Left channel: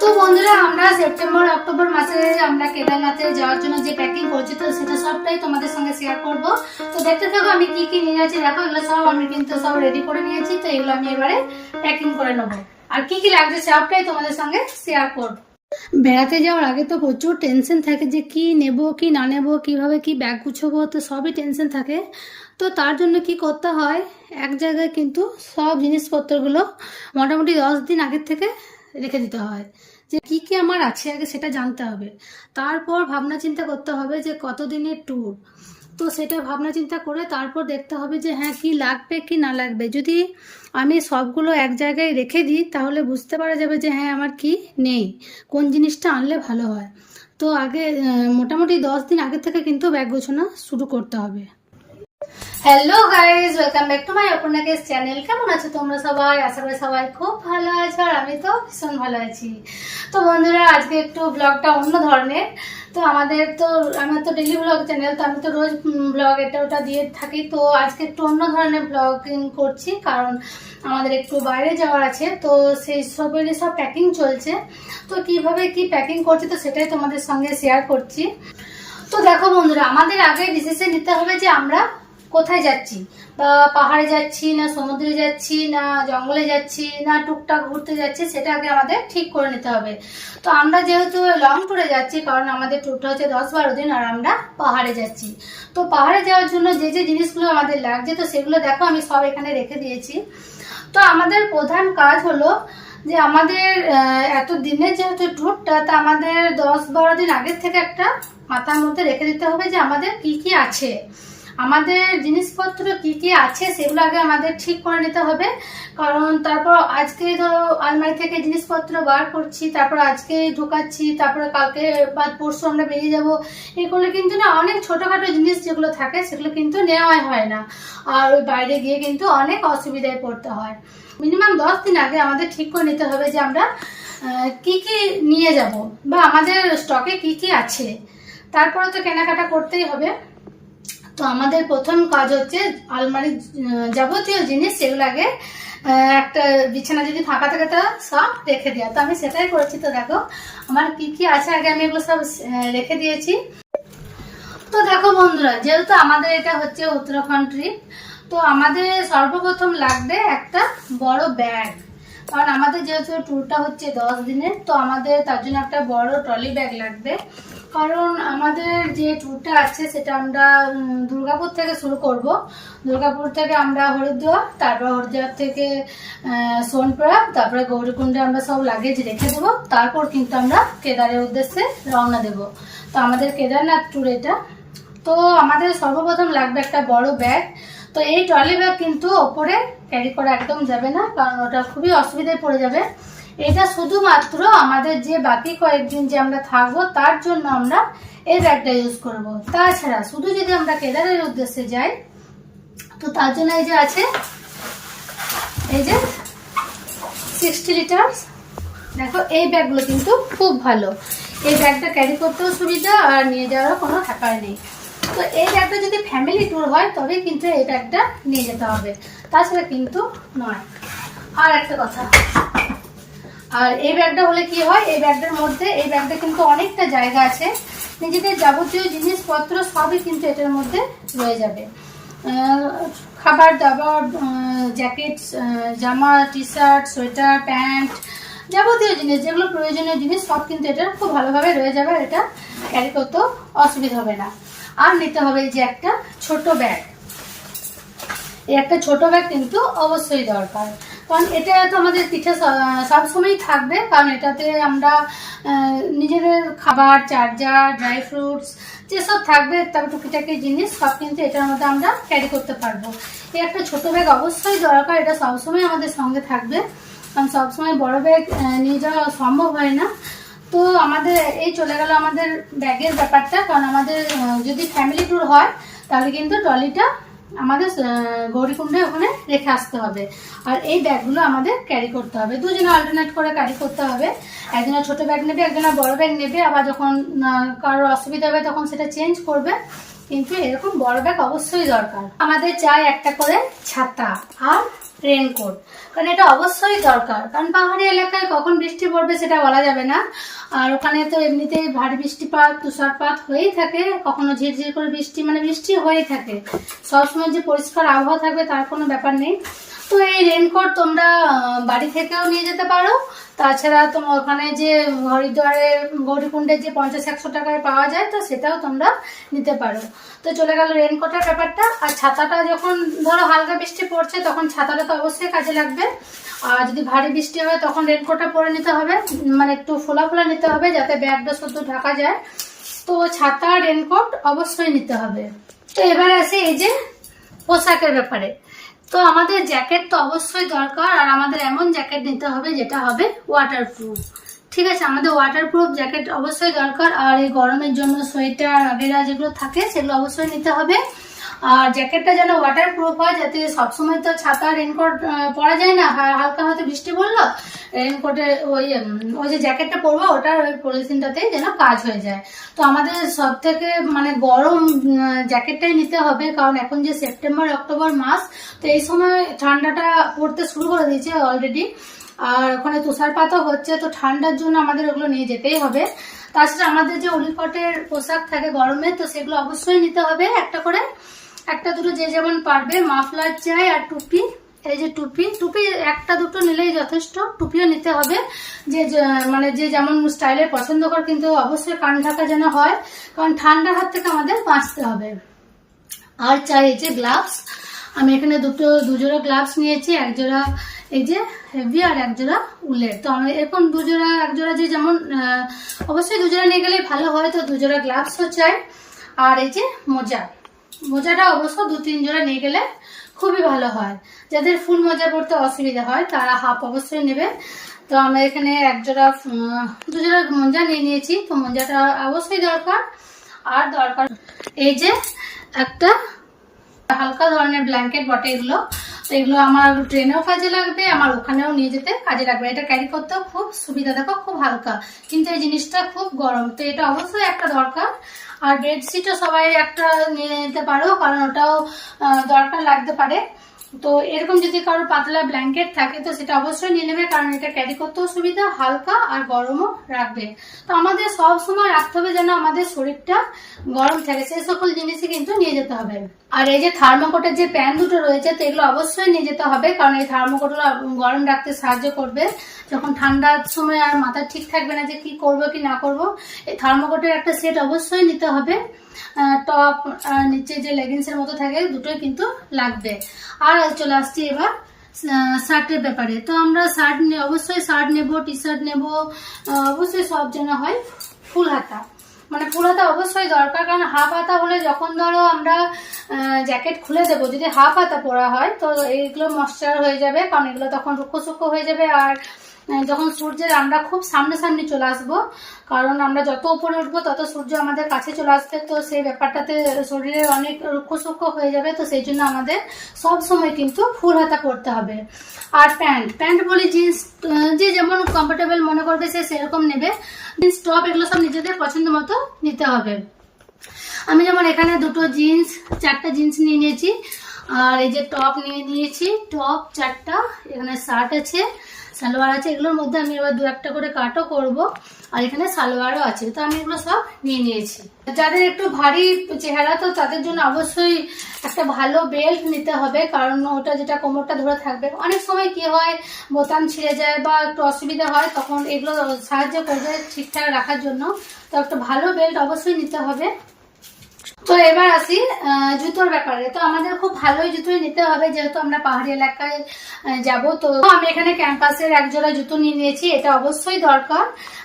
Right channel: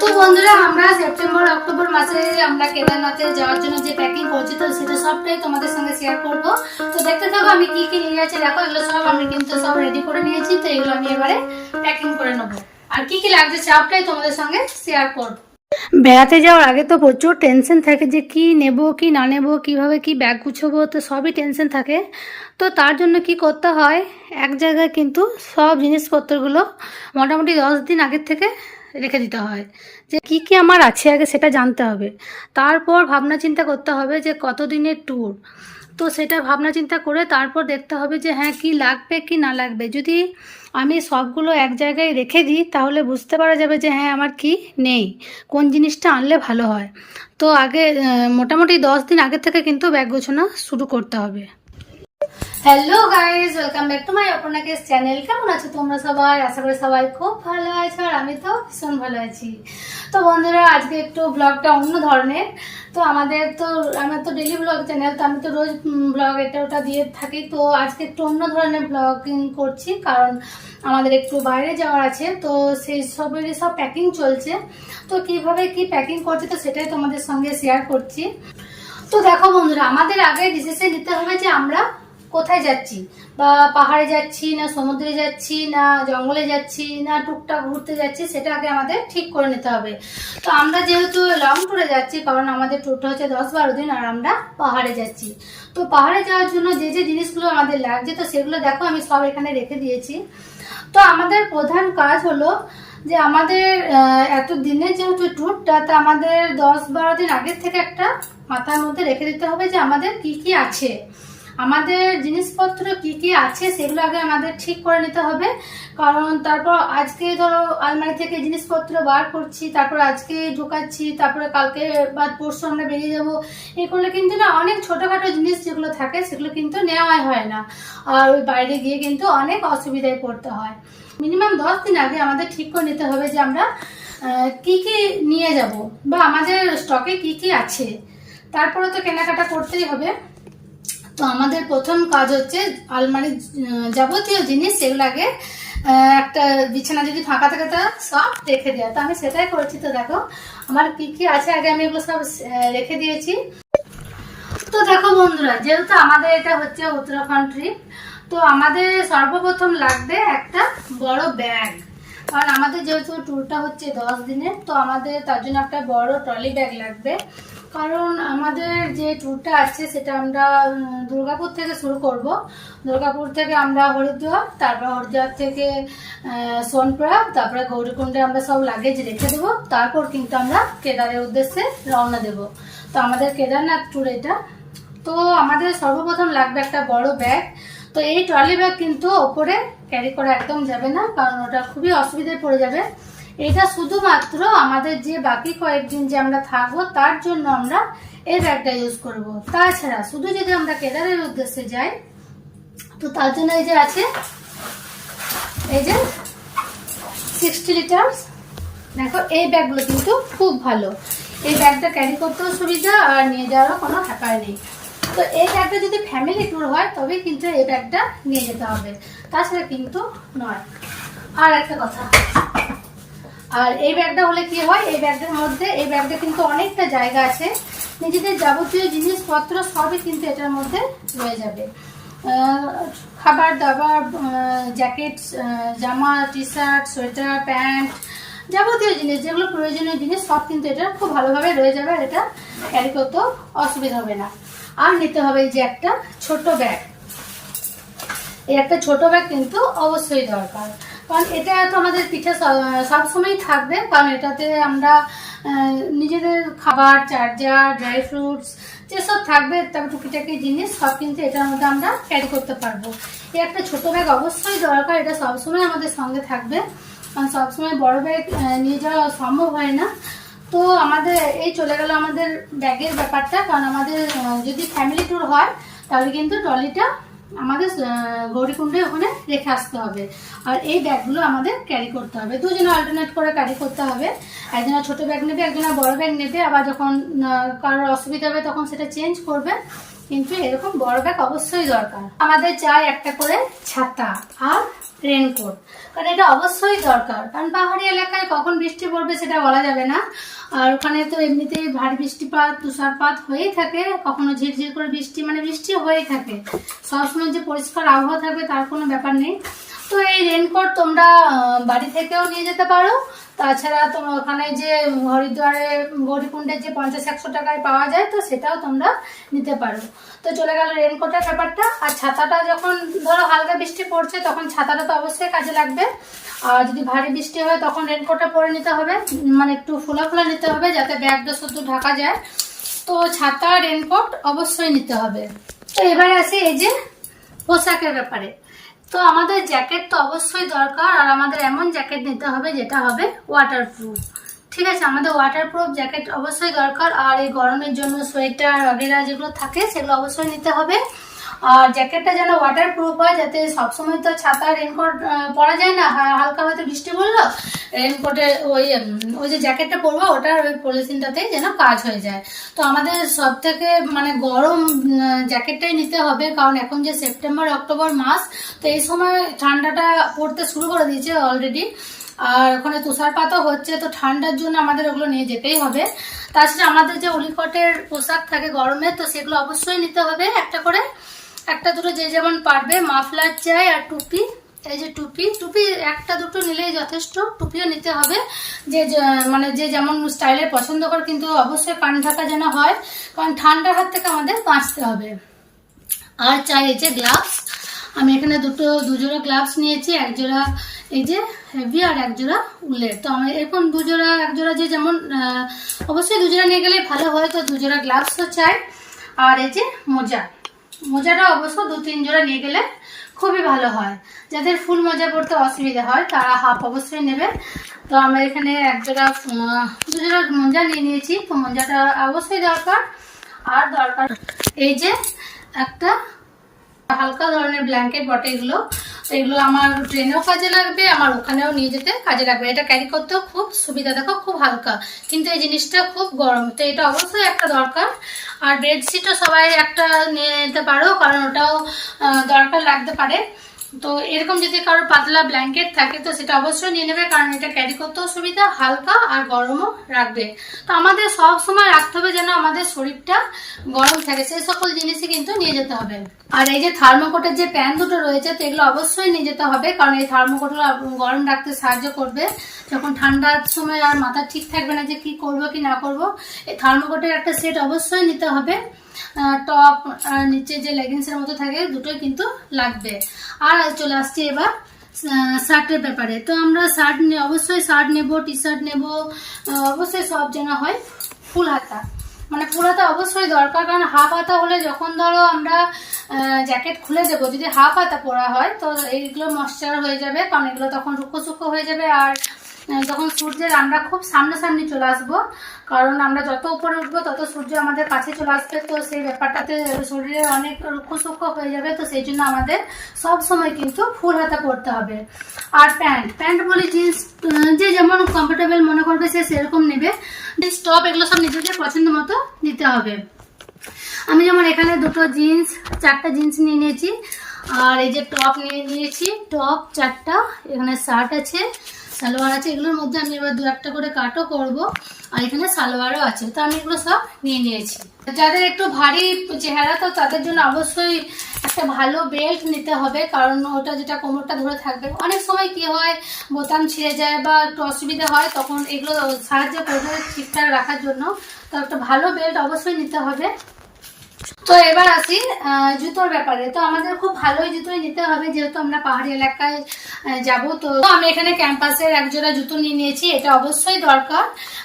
তো বন্ধুরা, আমরা সেপ্টেম্বর, অক্টোবর মাসে আমরা কেদারনাথে যাওয়ার জন্য যে প্যাকিং করছি, তো সেটা সবটাই তোমাদের সঙ্গে শেয়ার করব। তো দেখতে থাকো, আমি কি কি নিয়ে যাচ্ছি। দেখো, এগুলো সব আমি কিন্তু সব রেডি করে নিয়েছি, তো এগুলো আমি এবারে প্যাকিং করে নেব। আর কি কি লাগছে, সবটাই তোমাদের সঙ্গে শেয়ার করব। বেড়াতে যাওয়ার আগে তো প্রচুর টেনশন থাকে যে কি নেব, কি না নেব, কীভাবে কি ব্যাগ গুছাবো, তো সবই টেনশন থাকে। তো তার জন্য কি করতে হয়, এক জায়গায় কিন্তু সব জিনিসপত্রগুলো মোটামুটি দশ দিন আগের থেকে রেখে দিতে হয়। যে কি কি আমার আছে আগে সেটা জানতে হবে। তারপর ভাবনা চিন্তা করতে হবে যে কত দিনের ট্যুর তো সেটা ভাবনা চিন্তা করে তারপর দেখতে হবে যে হ্যাঁ কি লাগবে, কি না লাগবে। যদি আমি সবগুলো এক জায়গায় রেখে দিই, তাহলে বুঝতে পারা যাবে যে হ্যাঁ আমার কি নেই, কোন জিনিসটা আনলে ভালো হয়। তো আগে মোটামুটি দশ দিন আগে থেকে কিন্তু ব্যাগ গোছানো শুরু করতে হবে। Hello guys welcome back to my Aparnakesh channel কেমন আছো তোমরা সবাই? আশা করি সবাই খুব ভালো আছো আর আমি তো ভীষণ ভালো আছি। তো বন্ধুরা, আজকে একটু ব্লগটা অন্য ধরনের। তো আমাদের তো, আমার তো ডেলি ব্লগ চ্যানেল তো আমি তো রোজ ব্লগ এটা ওটা দিয়ে থাকি। তো আজকে একটু অন্য ধরনের ব্লগিং করছি, কারণ আমাদের একটু বাইরে যাওয়ার আছে। তো সেই সবেরই সব প্যাকিং চলছে। তো কীভাবে কি প্যাকিং করছি, তো সেটাই তোমাদের সঙ্গে শেয়ার করছি। তো দেখো বন্ধুরা, আমাদের আগে ডিসিশন নিতে হবে যে আমরা কোথায় যাচ্ছি? বা পাহাড়ে যাচ্ছি, না সমুদ্রে যাচ্ছি, না জঙ্গলে যাচ্ছি, না টুকটাক ঘুরতে যাচ্ছি, সেটা আগে আমাদের ঠিক করে নিতে হবে। তো আমরা যেহেতু লং ট্যুরে যাচ্ছি, কারণ আমাদের ট্যুরটা হচ্ছে দশ বারো দিন আর আমরা পাহাড়ে যাচ্ছি। তো পাহাড়ে যাওয়ার জন্য যে যে জিনিসগুলো আমাদের লাগছে, তো সেগুলো দেখো, আমি সব এখানে রেখে দিয়েছি। তো আমাদের প্রধান কাজ হলো যে আমাদের এত দিনের যেহেতু ট্যুরটা তা আমাদের দশ বারো দিন আগের থেকে একটা মাথার মধ্যে রেখে দিতে হবে যে আমাদের কি কি আছে। আমাদের জিনিসপত্র কি কি আছে সেগুলো আগে আমাদের ঠিক করে নিতে হবে। কারণ তারপর আজকে ধরো আলমারি থেকে জিনিসপত্র বার করছি, তারপর আজকে ঢোকাচ্ছি, তারপরে কালকে বা পরশু আমরা বেরিয়ে যাব। এই করলে কিন্তু না অনেক ছোটোখাটো জিনিস যেগুলো থাকে সেগুলো কিন্তু নেওয়াই হয় না। আর ওই বাইরে গিয়ে কিন্তু অনেক অসুবিধায় পড়তে হয়। মিনিমাম দশ দিন আগে আমাদের ঠিক করে নিতে হবে যে আমরা কি কি নিয়ে যাব বা আমাদের স্টকে কি কি আছে। তারপরে তো কেনাকাটা করতেই হবে। তো আমাদের প্রথম কাজ হচ্ছে আলমারির যাবতীয় জিনিস সেগুলো আগে একটা বিছানা যদি ফাঁকা থাকে তা সব রেখে দেওয়া তো আমি সেটাই করেছি তো দেখো, আমার কি কি আছে আগে আমি এগুলো সব রেখে দিয়েছি। তো দেখো বন্ধুরা, যেহেতু আমাদের এটা হচ্ছে উত্তরাখণ্ড ট্রিপ তো আমাদের সর্বপ্রথম লাগবে একটা বড় ব্যাগ কারণ আমাদের যেহেতু ট্যুরটা হচ্ছে দশ দিনের, তো আমাদের তার জন্য একটা বড় ট্রলি ব্যাগ লাগবে। কারণ আমাদের যে ট্যুরটা আছে সেটা আমরা দুর্গাপুর থেকে শুরু করব। দুর্গাপুর থেকে আমরা হরিদ্বার তারপর হরিদ্বার থেকে সোনপ্রয়াগ, তারপরে গৌরীকুণ্ডে আমরা সব লাগেজ রেখে দেবো। তারপর কিন্তু আমরা কেদারের উদ্দেশ্যে রওনা দেব। তো আমাদের কেদারনাথ ট্যুর এটা। তো আমাদের সর্বপ্রথম লাগবে একটা বড় ব্যাগ তো এই ট্রলি ব্যাগ কিন্তু ওপরে ক্যারি করা একদম যাবে না, কারণ ওটা খুবই অসুবিধায় পড়ে যাবে। এটা শুধুমাত্র আমাদের যে বাকি কয়েকদিন যে আমরা থাকব, তার জন্য আমরা এই ব্যাগটা ইউজ করব। তাছাড়া শুধু যদি আমরা কেদারের উদ্দেশ্যে যাই, তো তার জন্য এই যে আছে, এই যে সিক্সটি লিটার্স দেখো, এই ব্যাগগুলো কিন্তু খুব ভালো। এই ব্যাগটা ক্যারি করতেও সুবিধা আর নিয়ে যাওয়ারও কোনো থাকার নেই। তো এই ব্যাগটা যদি ফ্যামিলি ট্যুর হয় তবে কিন্তু এই ব্যাগটা নিয়ে যেতে হবে। তাছাড়া কিন্তু নয়। আর একটা কথা আর এই ব্যাগটা হলে কি হয়? এই ব্যাগটার মধ্যে, এই ব্যাগটা কিন্তু অনেকটা জায়গা আছে। নিজেদের যাবতীয় জিনিসপত্র সবই কিন্তু এটার মধ্যে রয়ে যাবে। খাবার দাবার জ্যাকেট জামা টি শার্ট সোয়েটার, প্যান্ট, যাবতীয় জিনিস, যেগুলো প্রয়োজনীয় জিনিস, সব কিন্তু এটা খুব ভালোভাবে রয়ে যাবে আর এটা ক্যারি করতেও অসুবিধা হবে না। আর নিতে হবে এই যে একটা ছোট ব্যাগ। এই একটা ছোট ব্যাগ কিন্তু অবশ্যই দরকার। কারণ এটা তো আমাদের পিঠে সবসময়ই থাকবে, কারণ এটাতে আমরা নিজেদের খাবার চার্জার ড্রাই ফ্রুটস যেসব থাকবে, তারপর টুকিটাকি জিনিস, সব কিন্তু এটার মধ্যে আমরা ক্যারি করতে পারব। এই একটা ছোটো ব্যাগ অবশ্যই দরকার, এটা সবসময় আমাদের সঙ্গে থাকবে। কারণ সবসময় বড় ব্যাগ নিয়ে যাওয়া সম্ভব হয় না। তো আমাদের, এই চলে গেল আমাদের ব্যাগের ব্যাপারটা, কারণ আমাদের যদি ফ্যামিলি ট্যুর হয়, তাহলে কিন্তু ট্রলিটা আমাদের গৌরীকুণ্ডে ওখানে রেখে আসতে হবে। আর এই ব্যাগগুলো আমাদের ক্যারি করতে হবে। দুজনে অল্টারনেট করে ক্যারি করতে হবে। একজনের ছোট ব্যাগ নেবে একজনের বড় ব্যাগ নেবে। আবার যখন কারোর অসুবিধা হবে তখন সেটা চেঞ্জ করবে। কিন্তু এরকম বড় ব্যাগ অবশ্যই দরকার। আমাদের চাই একটা করে ছাতা আর রেনকোট কারণ এটা অবশ্যই দরকার। কারণ পাহাড়ি এলাকায় কখন বৃষ্টি পড়বে সেটা বলা যাবে না। আর ওখানে তো এমনিতেই ভারী বৃষ্টিপাত, তুষারপাত হয়েই থাকে, কখনো ঝিরঝির করে বৃষ্টি মানে বৃষ্টি হয়েই থাকে। সবসময় যে পরিষ্কার আবহাওয়া থাকবে তার কোনো ব্যাপার নেই। তো এই রেনকোট তোমরা বাড়ি থেকেও নিয়ে যেতে পারো তাছাড়া তোমার ওখানে যে হরিদ্বারে গৌরীকুণ্ডে যে পঞ্চাশ একশো টাকায় পাওয়া যায়, তো সেটাও তোমরা নিতে পারো। তো চলে গেল রেনকোটের ব্যাপারটা। আর ছাতাটা যখন ধরো হালকা বৃষ্টি পড়ছে, তখন ছাতাটা তো অবশ্যই কাজে লাগবে। আর যদি ভারী বৃষ্টি হয়, তখন রেনকোটটা পরে নিতে হবে। মানে একটু ফোলা ফোলা নিতে হবে যাতে ব্যাগটা শুধু ঢাকা যায়। তো ছাতা রেনকোট অবশ্যই নিতে হবে। তো এবার আসে এই যে পোশাকের ব্যাপারে। তো আমাদের জ্যাকেট তো অবশ্যই দরকার, আর আমাদের এমন জ্যাকেট নিতে হবে যেটা হবে ওয়াটারপ্রুফ ঠিক আছে, আমাদের ওয়াটারপ্রুফ জ্যাকেট অবশ্যই দরকার, আর এই গরমের জন্য সোয়েটার আগেরা যেগুলো থাকে, সেগুলো অবশ্যই নিতে হবে। আর জ্যাকেটটা যেন ওয়াটার প্রুফ হয়, যাতে সবসময় তো ছাতা রেনকোট পরা যায় না হালকা হয়তো বৃষ্টি পড়ল রেনকোটের ওই ওই যে জ্যাকেটটা পরবো, ওটার ওই পলিথিনটাতেই যেন কাজ হয়ে যায়। তো আমাদের সব থেকে মানে গরম জ্যাকেটটাই নিতে হবে, কারণ এখন যে সেপ্টেম্বর, অক্টোবর মাস, তো এই সময় ঠান্ডাটা পড়তে শুরু করে দিয়েছে অলরেডি আর ওখানে তুষারপাতও হচ্ছে, তো ঠান্ডার জন্য আমাদের ওগুলো নিয়ে যেতেই হবে। তাছাড়া আমাদের যে উলিকটের পোশাক থাকে গরমে, তো সেগুলো অবশ্যই নিতে হবে একটা করে। একটা দুটো যে যেমন পারবে, মাফলার চাই আর টুপি, এই যে টুপি। টুপি একটা দুটো নিলেই যথেষ্ট, টুপিও নিতে হবে। যে মানে যে যেমন স্টাইলের পছন্দ করে, কিন্তু অবশ্যই কান ঢাকা যেন হয়, কারণ ঠান্ডার হাত থেকে আমাদের বাঁচতে হবে। আর চাই এই যে গ্লাভস। আমি এখানে দুটো, দুজোড়া গ্লাভস নিয়েছি এক জোড়া এই যে হেভি আর এক জোড়া উলের। তো আমি এরকম দুজোড়া এক জোড়া যে যেমন অবশ্যই দুজোড়া নিয়ে গেলেই ভালো হয়, তো দুজোড়া গ্লাভসও চাই। আর এই যে মোজা। মোজাটা অবশ্য দু তিন জোড়া নিয়ে গেলে খুবই ভালো হয়। যাদের ফুল মোজা পড়তে অসুবিধা হয়, তারা হাফ অবশ্যই নেবে। তো আমরা এখানে এক জোড়া দু জোড়া মোজা নিয়ে নিয়েছি। তো মোজাটা অবশ্যই দরকার। আর দরকার এই যে একটা হালকা ধরনের ব্ল্যাঙ্কেট বটে এগুলো। এগুলো আমার ট্রেনেও কাজে লাগবে, আমার ওখানেও নিয়ে যেতে কাজে লাগবে। এটা ক্যারি করতেও খুব সুবিধা, দেখো খুব হালকা। কিন্তু এই জিনিসটা খুব গরম, তো এটা অবশ্যই একটা দরকার। আর বেডশিটও সবাই একটা নিয়ে নিতে পারো, কারণ ওটাও দরকার লাগতে পারে। তো এরকম যদি কারোর পাতলা ব্ল্যাঙ্কেট থাকে, তো সেটা অবশ্যই নিয়ে নেবে, কারণ এটা ক্যারি করতেও সুবিধা, হালকা আর গরমও রাখবে। তো আমাদের সব সময় রাখতে হবে যেন আমাদের শরীরটা গরম থাকে সেই সকল জিনিসই কিন্তু নিয়ে যেতে হবে। আর এই যে থার্মোকোটের যে প্যান দুটো রয়েছে, তো এগুলো অবশ্যই নিয়ে যেতে হবে, কারণ এই থার্মোকোটগুলো গরম রাখতে সাহায্য করবে। যখন ঠান্ডার সময় আর মাথা ঠিক থাকবে না যে কি করব, কি না করব, এই থার্মোকোটের একটা সেট অবশ্যই নিতে হবে। টপ নিচে যে লেগিংসের মতো থাকে, দুটোই কিন্তু লাগবে। আর চলে আসছি এবার শার্টের ব্যাপারে। তো আমরা শার্ট অবশ্যই শার্ট নেব টি শার্ট নেব অবশ্যই সব যেন হয় ফুল হাতা। মানে ফুল হাতা অবশ্যই দরকার, কারণ হাফ হাতা হলে যখন ধরো আমরা জ্যাকেট খুলে দেবো, যদি হাফ হাতা পরা হয়, তো এইগুলো ময়শ্চার হয়ে যাবে, কারণ এগুলো তখন রুক্ষ সুক্ষ হয়ে যাবে, আর যখন সূর্যের আমরা খুব সামনাসামনি চলে আসব। কারণ আমরা যত উপরে উঠবো, তত সূর্য আমাদের কাছে চলে আসবে। তো সেই ব্যাপারটাতে শরীরে অনেক রুক্ষ সূক্ষ্ম হয়ে যাবে। তো সেই জন্য আমাদের সব সময় কিন্তু ফুল হাতা পরতে হবে। আর প্যান্ট প্যান্ট বলি জিন্স যে যেমন কমফোর্টেবল মনে করবে, সে সেরকম নেবে। জিন্স, টপ, এগুলো সব নিজেদের পছন্দ মতো নিতে হবে। আমি যেমন এখানে দুটো জিন্স, চারটা জিন্স নিয়ে নিয়েছি। আর এই যে টপ নিয়ে নিয়েছি, টপ, চারটা, এখানে শার্ট আছে। সালোয়ার আছে, এগুলোর মধ্যে আমি এবার দু একটা করে কাটও করব। আর এখানে সালোয়ারও আছে, তো আমি এগুলো সব নিয়ে নিয়েছি। যাদের একটু ভারী চেহারা, তো তাদের জন্য অবশ্যই একটা ভালো বেল্ট নিতে হবে, কারণ ওটা যেটা কোমরটা ধরে থাকবে। অনেক সময় কি হয়, বোতাম ছিঁড়ে যায় বা একটু অসুবিধা হয়, তখন এগুলো সাহায্য করবে ঠিকঠাক রাখার জন্য। তো একটা ভালো বেল্ট অবশ্যই নিতে হবে। তো এবার আসি জুতোর ব্যাপারে। তো আমাদের খুব ভালোই জুতোই নিতে হবে, যেহেতু আমরা পাহাড়ি এলাকায় যাব। তো আমি এখানে ক্যাম্পাসের এক জোড়া জুতো নিয়ে নিয়েছি, এটা অবশ্যই দরকার।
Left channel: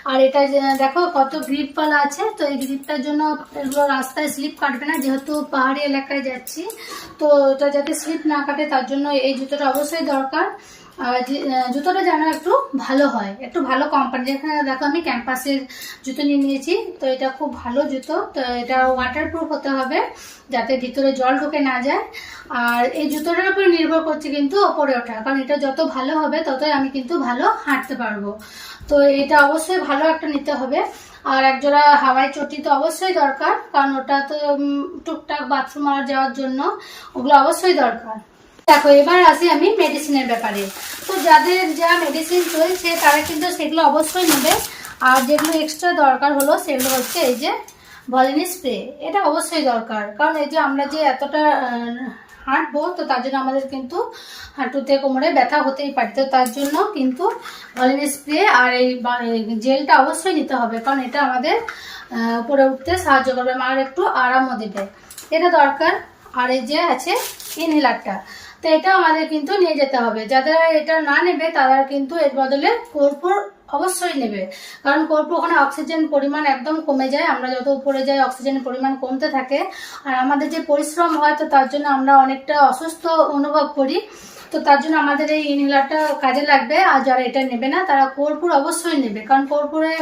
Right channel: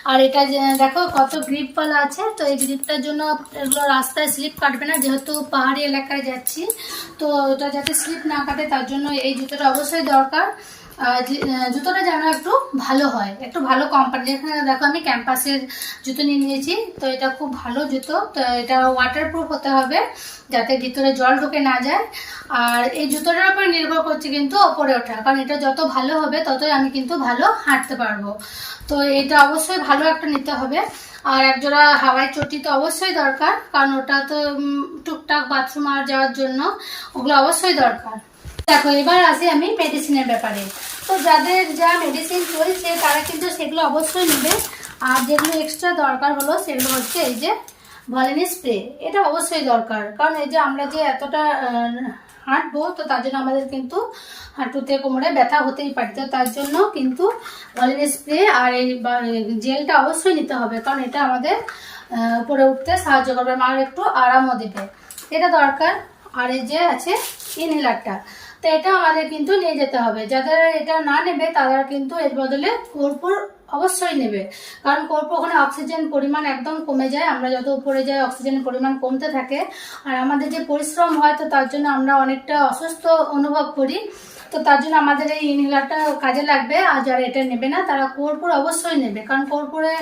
আর এটা দেখো কত গ্রিপ পালা আছে, তো এই গ্রিপটার জন্য এগুলো রাস্তায় স্লিপ কাটবে না, যেহেতু পাহাড়ি এলাকায় যাচ্ছি। তো এটা যাতে স্লিপ না কাটে, তার জন্য এই জুতোটা অবশ্যই দরকার। জুতোটা যেন একটু ভালো হয়। একটু ভালো কোম্পানি যেখানে দেখো আমি ক্যাম্পাসের জুতো নিয়ে নিয়েছি, তো এটা খুব ভালো জুতো। তো এটা ওয়াটারপ্রুফ হতে হবে, যাতে ভিতরে জল ঢুকে না যায়। আর এই জুতোটার উপর নির্ভর করছে কিন্তু ওপরে ওঠা, কারণ এটা যত ভালো হবে, ততই আমি কিন্তু ভালো হাঁটতে পারব। তো এটা অবশ্যই ভালো একটা নিতে হবে। আর একজোড়া হাওয়াই চটি তো অবশ্যই দরকার, কারণ ওটা তো টুকটাক বাথরুম আর যাওয়ার জন্য ওগুলো অবশ্যই দরকার। দেখো, এবার আসি আমি মেডিসিনের ব্যাপারে। তো যাদের যা মেডিসিন চলছে, তারা কিন্তু সেগুলো অবশ্যই নেবে। আর যেগুলো এক্সট্রা দরকার হলো, সেগুলো হচ্ছে এই যে ভলিনি স্প্রে এটা অবশ্যই দরকার। কারণ এই যে আমরা যে এতটা হাঁটবো, তো তার জন্য আমাদের কিন্তু হাঁটুতে কোমরে ব্যথা হতেই পারে। তো তার জন্য কিন্তু ভলিনি স্প্রে আর এই জেলটা অবশ্যই নিতে হবে। কারণ এটা আমাদের উপরে উঠতে সাহায্য করবে। আর একটু আরামও দেবে। এটা দরকার। আর এই যে আছে ইনহেলারটা তো এটা আমাদের কিন্তু নিয়ে যেতে হবে। যারা এটা না নেবে, তারা কিন্তু এর বদলে কর্পূর অবশ্যই নেবে। কারণ কর্পূর ওখানে অক্সিজেন পরিমাণ একদম কমে যায়। আমরা যত উপরে যাই, অক্সিজেনের পরিমাণ কমতে থাকে। আর আমাদের যে পরিশ্রম হয়, তো তার জন্য আমরা অনেকটা অসুস্থ অনুভব করি। তো তার জন্য আমাদের এই ইনহেলারটা কাজে লাগবে। আর যারা এটা নেবে না, তারা কর্পূর অবশ্যই নেবে। কারণ কর্পূরে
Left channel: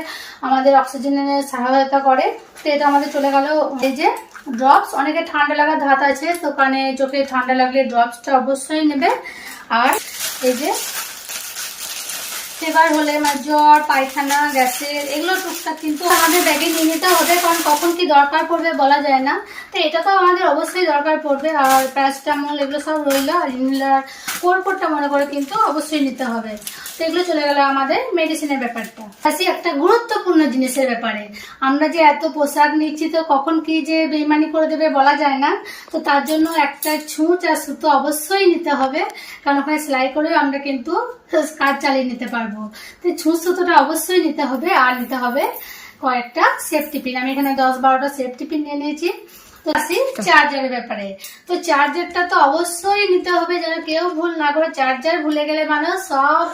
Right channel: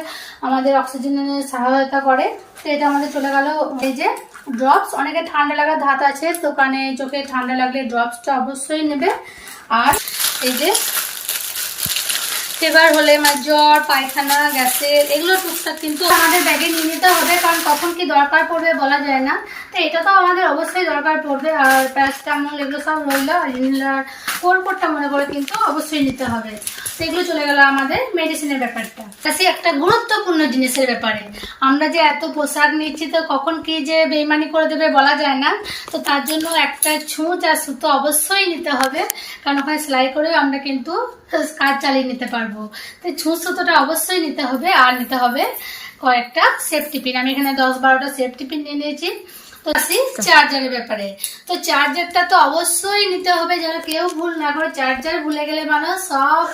আমাদের অক্সিজেনের সহায়তা করে। তো এটা আমাদের চলে গেল এই যে ড্রপস অনেকে ঠান্ডা লাগার ধাত আছে, তো কানে, চোখে ঠান্ডা লাগলে ড্রপসটা অবশ্যই নেবে। আর এই যে ফেভার হলে মানে জ্বর, পায়খানা, গ্যাসের, এগুলো টুকটাক কিন্তু আমাদের ব্যাগে নিয়ে নিতে হবে, কারণ কখন কি দরকার পড়বে বলা যায় না। তো এটা তো আমাদের অবশ্যই দরকার পড়বে, আর প্যারাসিটামল এগুলো সব রইল, আর ইনহেলার কোরপোরটা মনে করে কিন্তু অবশ্যই নিতে হবে। তো এগুলো চলে গেল আমাদের মেডিসিনের ব্যাপারটা। আসি একটা গুরুত্বপূর্ণ জিনিসের ব্যাপারে। আমরা যে এত পোশাক নিচ্ছি তো কখন কি যে বেইমানি করে দেবে বলা যায় না। তো তার জন্য একটা ছুঁচ আর সুতো অবশ্যই নিতে হবে। কারণ ওখানে সেলাই করে আমরা কিন্তু কাজ চালিয়ে নিতে পারব। তো ছুঁচ, সুতোটা অবশ্যই নিতে হবে, আর নিতে হবে কয়েকটা সেফটি পিন আমি এখানে দশ বারোটা সেফটি পিন নিয়ে নিয়েছি। তো চার্জারের ব্যাপারে। তো চার্জারটা তো অবশ্যই নিতে হবে যেন কেউ ভুল না করে। চার্জার ভুলে গেলে মানুষ সব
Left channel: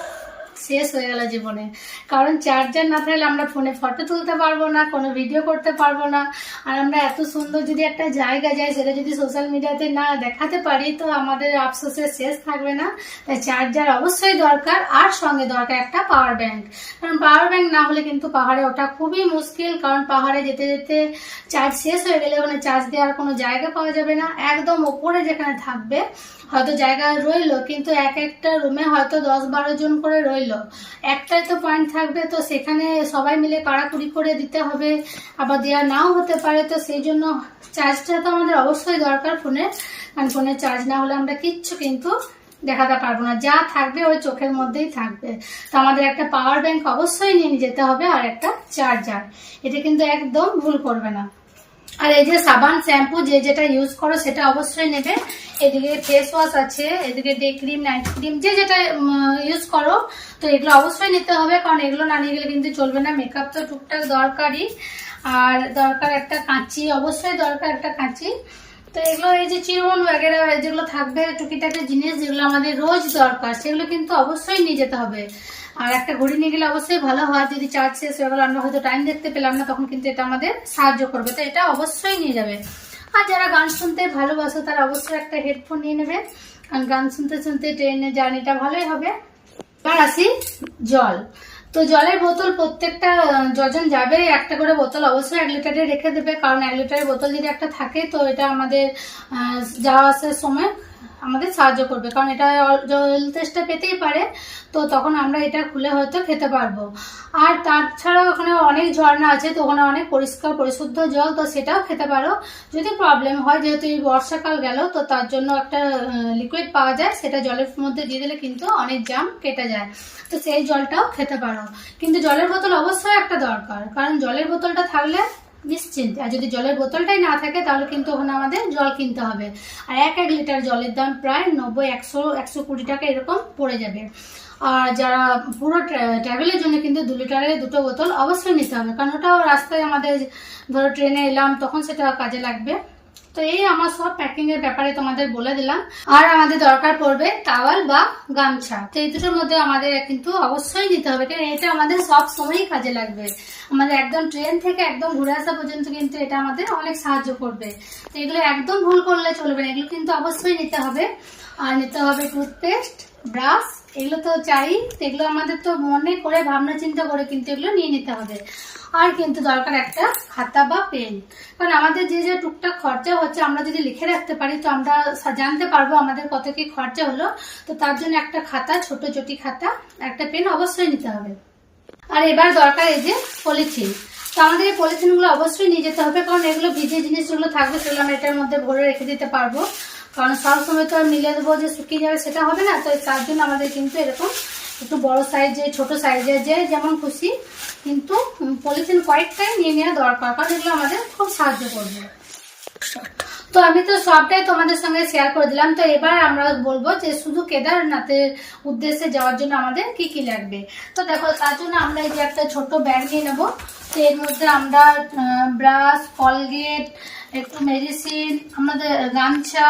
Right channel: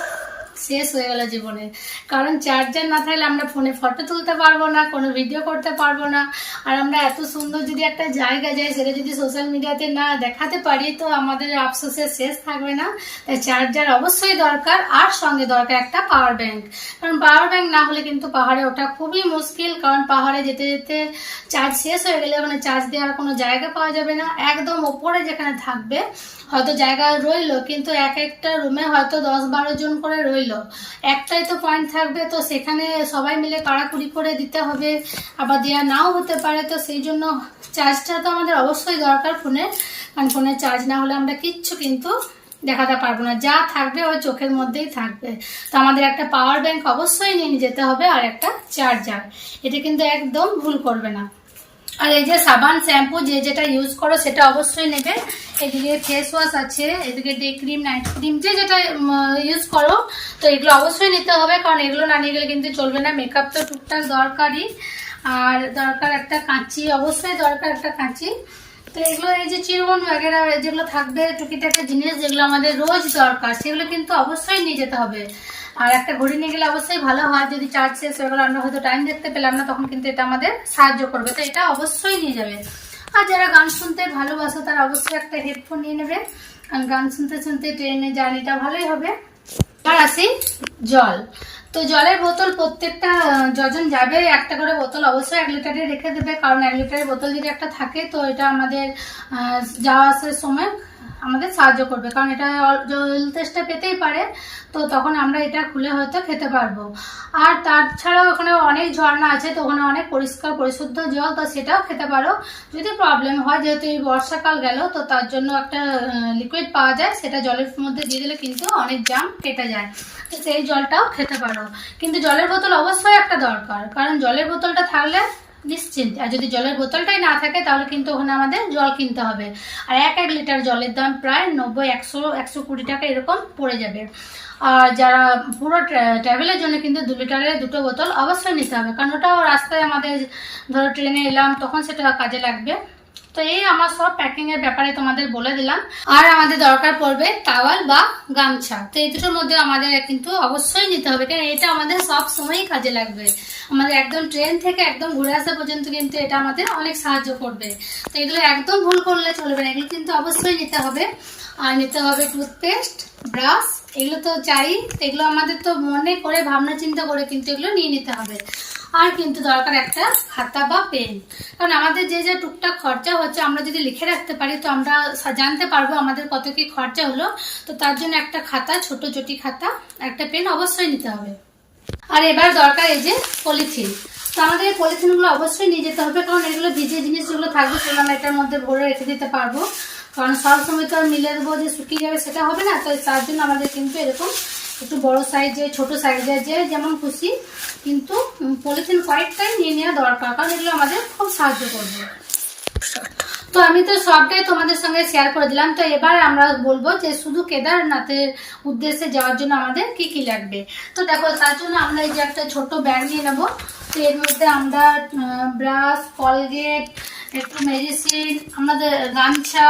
শেষ হয়ে গেল জীবনে। কারণ চার্জার না থাকলে আমরা ফোনে ফটো তুলতে পারব না, কোনো ভিডিও করতে পারব না। আর আমরা এত সুন্দর যদি একটা জায়গা যাই, সেটা যদি সোশ্যাল মিডিয়াতে না দেখাতে পারি, তো আমাদের আফসোসের শেষ থাকবে না। তাই চার্জার অবশ্যই দরকার, আর সঙ্গে দরকার একটা পাওয়ার ব্যাংক কারণ পাওয়ার ব্যাংক না হলে কিন্তু পাহাড়ে ওঠা খুবই মুশকিল, কারণ পাহাড়ে যেতে যেতে চার্জ শেষ হয়ে গেলে মানে চার্জ দেওয়ার কোনো জায়গা পাওয়া যাবে না। একদম ওপরে যেখানে থাকবে, হয়তো জায়গা রইল, কিন্তু এক একটা রুমে হয়তো দশ বারো জন করে রইল। একটাই তো পয়েন্ট থাকবে, তো সেখানে সবাই মিলে কাড়াকুড়ি করে দিতে হবে। আবার দেওয়া নাও হতে পারে, তো সেই জন্য চার্জটা তো আমাদের অবশ্যই দরকার ফোনে। কারণ ফোনে চার্জ না হলে আমরা কিচ্ছু কিন্তু দেখাতে পারব না। যা থাকবে ওই চোখের মধ্যেই থাকবে। তো আমাদের একটা পাওয়ার ব্যাংক অবশ্যই নিয়ে যেতে হবে আর একটা চার্জার এটা কিন্তু একদম ভুল করবে না। আর এই যে সাবান শ্যাম্পু যে যেটা ইউজ করো সেটা অবশ্যই নেবে। এদিকে ফেস ওয়াশ আছে, এদিকে ডে ক্রিম নাইট ক্রিম যে যেটা ইউজ করো, তো এগুলো অবশ্যই নিতে হবে, কারণ এগুলো না নিয়ে গেলে কিন্তু চলবে না। মেকআপ তো টুকটাক দরকারই। আর দরকার একটা কাঁচি, অবশ্যই দরকার একটা কাঁচি। তো এগুলো এই যে চিরবন বাগেরা যেগুলো থাকবে, টুকিটাকি জিনিস যেগুলো আমাদের রোজ দরকার, সেগুলো কিন্তু অবশ্যই নিয়ে যেতে হবে। আর একটা ঘড়ি নিয়ে গেলে অবশ্যই ভালো হয়। যদি চার্জ শেষ হয়ে গেলো, আমরা হয়তো টাইম দেখতে পেলাম না, তখন কিন্তু এটা আমাদের সাহায্য করবে। তো এটা অবশ্যই নিয়ে যাবে। আর যারা গান শুনতে ভালোবাসো, তারা অবশ্যই একটা হেডফোন নিয়ে নেবে। কারণ গান শুনতে শুনতে ট্রেনে জার্নিটা ভালোই হবে। এবার আসি জল। তো জলের বোতল প্রত্যেকটা যজন যাবে, একটা করে বোতল অবশ্যই এক লিটারে রেখে দেবে। কারণ এক লিটারের বোতল যদি একটা থাকে, তো এটা আমাদের যাওয়া আসার সময় আমাদের সাহায্য করবে, কারণ এটা জল তেষ্টা পেতেই পারে, তো তখন আমরা এটা খুলে হয়তো খেতে পারব। আর তাছাড়াও ওখানে অনেক ঝর্ণা আছে, তো ওখানে অনেক পরিষ্কার পরিশুদ্ধ জল, তো সেটাও খেতে পারো। যদি প্রবলেম হয়, যেহেতু এই বর্ষাকাল গেল, তো তার জন্য একটা লিকুইড পাওয়া যায়, সেটা জলের মধ্যে দিয়ে দিলে কিন্তু অনেক জাম কেটে যায়। তো সেই জলটাও খেতে পারো। কিন্তু জলের বোতল অবশ্যই একটা দরকার, কারণ জলের বোতলটা থাকলে নিশ্চিন্ত। আর যদি জলের বোতলটাই না থাকে, তাহলে কিন্তু ওখানে আমাদের জল কিনতে হবে। আর এক এক লিটার জলের দাম প্রায় নব্বই, একশো একশো কুড়ি টাকা এরকম পড়ে যাবে। আর যারা পুরো ট্রাভেলের জন্য কিন্তু দু লিটারের দুটো বোতল অবশ্যই নিতে হবে। কারণ ওটাও রাস্তায় আমাদের ধরো ট্রেনে এলাম, তখন সেটা কাজে লাগবে। তো এই আমার সব প্যাকিং এর ব্যাপারে তোমাদের বলে দিলাম। আর আমাদের দরকার পড়বে টাওয়াল বা গামছা। তো এই দুটোর মধ্যে আমাদের কিন্তু অবশ্যই নিতে হবে, কারণ এটা আমাদের সব সময়ই কাজে লাগবে। আমাদের একদম ট্রেন থেকে একদম ঘুরে আসা পর্যন্ত কিন্তু এটা আমাদের অনেক সাহায্য করবে। তো এগুলো একদম ভুল করলে চলবে না, এগুলো কিন্তু অবশ্যই নিতে হবে। আর নিতে হবে টুথপেস্ট ব্রাশ এগুলো তো চাই। এগুলো আমাদের তো মনে করে, ভাবনা চিন্তা করে কিন্তু এগুলো নিয়ে নিতে হবে। আর কিন্তু দরকার একটা খাতা বা পেন। কারণ আমাদের যে যে টুকটাক খরচা হচ্ছে, আমরা যদি লিখে রাখতে পারি, তো আমরা জানতে পারব আমাদের কত কি খরচা হলো। তো তার জন্য একটা খাতা, ছোট চটি খাতা, একটা পেন অবশ্যই নিতে হবে। আর এবার দরকার এই যে পলিথিন। তো আমাদের এই পলিথিনগুলো অবশ্যই নিয়ে যেতে হবে, কারণ এগুলো ভিজে জিনিস যেগুলো থাকবে সেগুলো আমরা এটার মধ্যে ভরে রেখে দিতে পারব। কারণ সব সময় তো আর মিলে দেবো যে শুকিয়ে যাবে সেটা হবে না, তো তার জন্য আমাদের কিন্তু এরকম একটু বড় সাইজে ছোট সাইজে যে যেমন খুশি, কিন্তু পলিথিন কয়েকটাই নিয়ে নেওয়া দরকার, কারণ এগুলো আমাদের খুব সাহায্য করবে। তো আমি তো সবটাই তোমাদের সঙ্গে শেয়ার করে দিলাম। তো এবার আমরা বলব যে শুধু কেদারনাথের উদ্দেশ্যে যাওয়ার জন্য আমাদের কি কি লাগবে? তো দেখো, তার জন্য আমরা এই যে একটা ছোট ব্যাগ নিয়ে নেব। তো এর মধ্যে আমরা ব্রাশ কলগেট একটু মেডিসিন আমাদের গামছা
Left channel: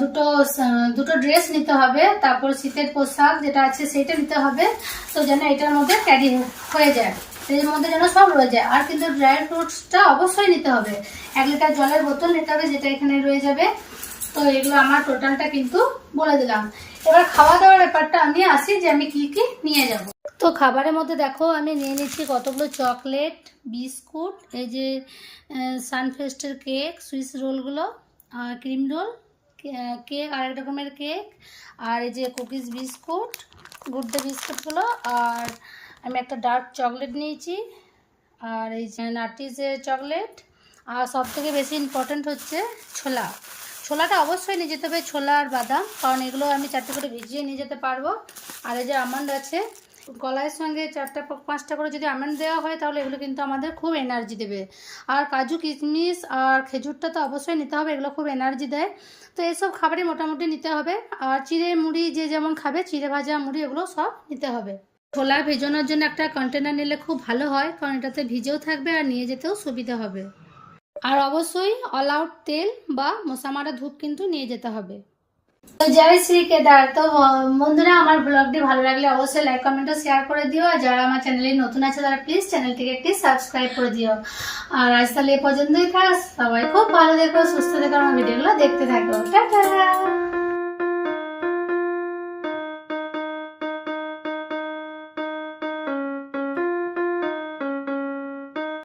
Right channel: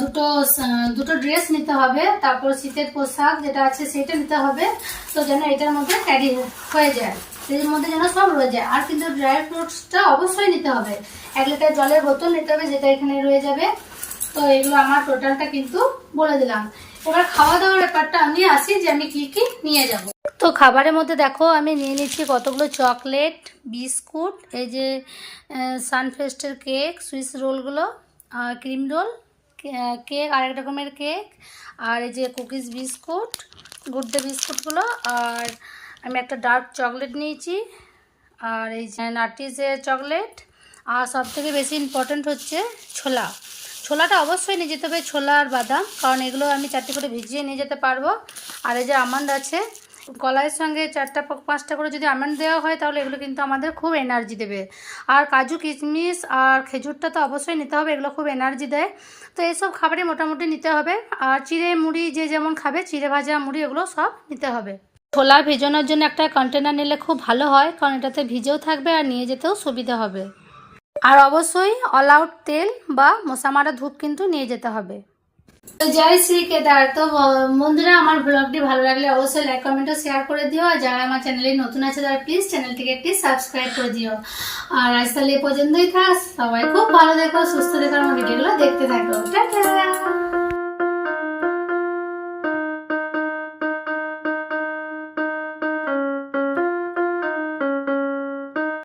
দুটো দুটো ড্রেস নিতে হবে। তারপর শীতের পোশাক যেটা আছে সেটা নিতে হবে। তো যেন এটার মধ্যে ক্যারি হয়ে যায়। এর মধ্যে যেন সব রয়ে যায়। আর কিন্তু ড্রাই ফ্রুটসটা অবশ্যই নিতে হবে। এক লিটার জলের বোতল নিতে হবে, যেটা এখানে রয়ে যাবে। তো এগুলো আমার টোটালটা কিন্তু বলে দিলাম। এবার খাওয়া দাওয়ার ব্যাপারটা আমি আসি যে আমি কি কি নিয়ে যাব। তো খাবারের মধ্যে দেখো, আমি নিয়ে নিচ্ছি কতগুলো চকলেট বিস্কুট এই যে সানফেস্টের কেক সুইস রোলগুলো আর ক্রিম রোল কেক আরেক রকমের কেক আর এই যে কুকিজ বিস্কুট গুড ডে বিস্কুটগুলো আর আমি একটা ডার্ক চকলেট নিয়েছি, আর এই যে নাটিসের চকলেট আর সব থেকে বেশি ইম্পর্ট্যান্ট হচ্ছে ছোলা। ছোলাটা অবশ্যই নিয়ে যেতে হবে ছোলা আর বাদাম, কারণ এগুলো আমি চারটে করে ভিজিয়ে নিয়ে যেতে পারব। আর এই যে আমন্ড আছে কলাইয়ের সঙ্গে চারটা পাঁচটা করে যদি আমন্ড দেওয়া হয়, তাহলে এগুলো কিন্তু আমাদের খুব এনার্জি দেবে। আর কাজু, কিশমিশ আর খেজুরটা তো অবশ্যই নিতে হবে, এগুলো খুব এনার্জি দেয়। তো এইসব খাবারই মোটামুটি নিতে হবে। আর চিড়ে মুড়ি যে যেমন খাবে, চিড়ে ভাজা মুড়ি এগুলো সব নিতে হবে। ছোলা ভেজানোর জন্য একটা কন্টেনার নিলে খুব ভালো হয়, কারণ এটাতে ভিজেও থাকবে আর নিয়ে যেতেও সুবিধা হবে। আর অবশ্যই অল আউট তেল বা মশা মারা ধূপ কিন্তু নিয়ে যেতে হবে। জয় শ্রী কেদার। তো বন্ধুরা, আমার ব্লগটি ভালো লাগলে অবশ্যই লাইক কমেন্ট ও শেয়ার করে দিও। আর যারা আমার চ্যানেলে নতুন আছে, তারা প্লিজ চ্যানেলটিকে একটি সাবস্ক্রাইব করে দিও। আর আজ তাহলে এ পর্যন্তই থাক। সবাই খুব ভালো দেখো সুস্থ দেখো আমার ভিডিওগুলো দেখতে থাকো। টাটা!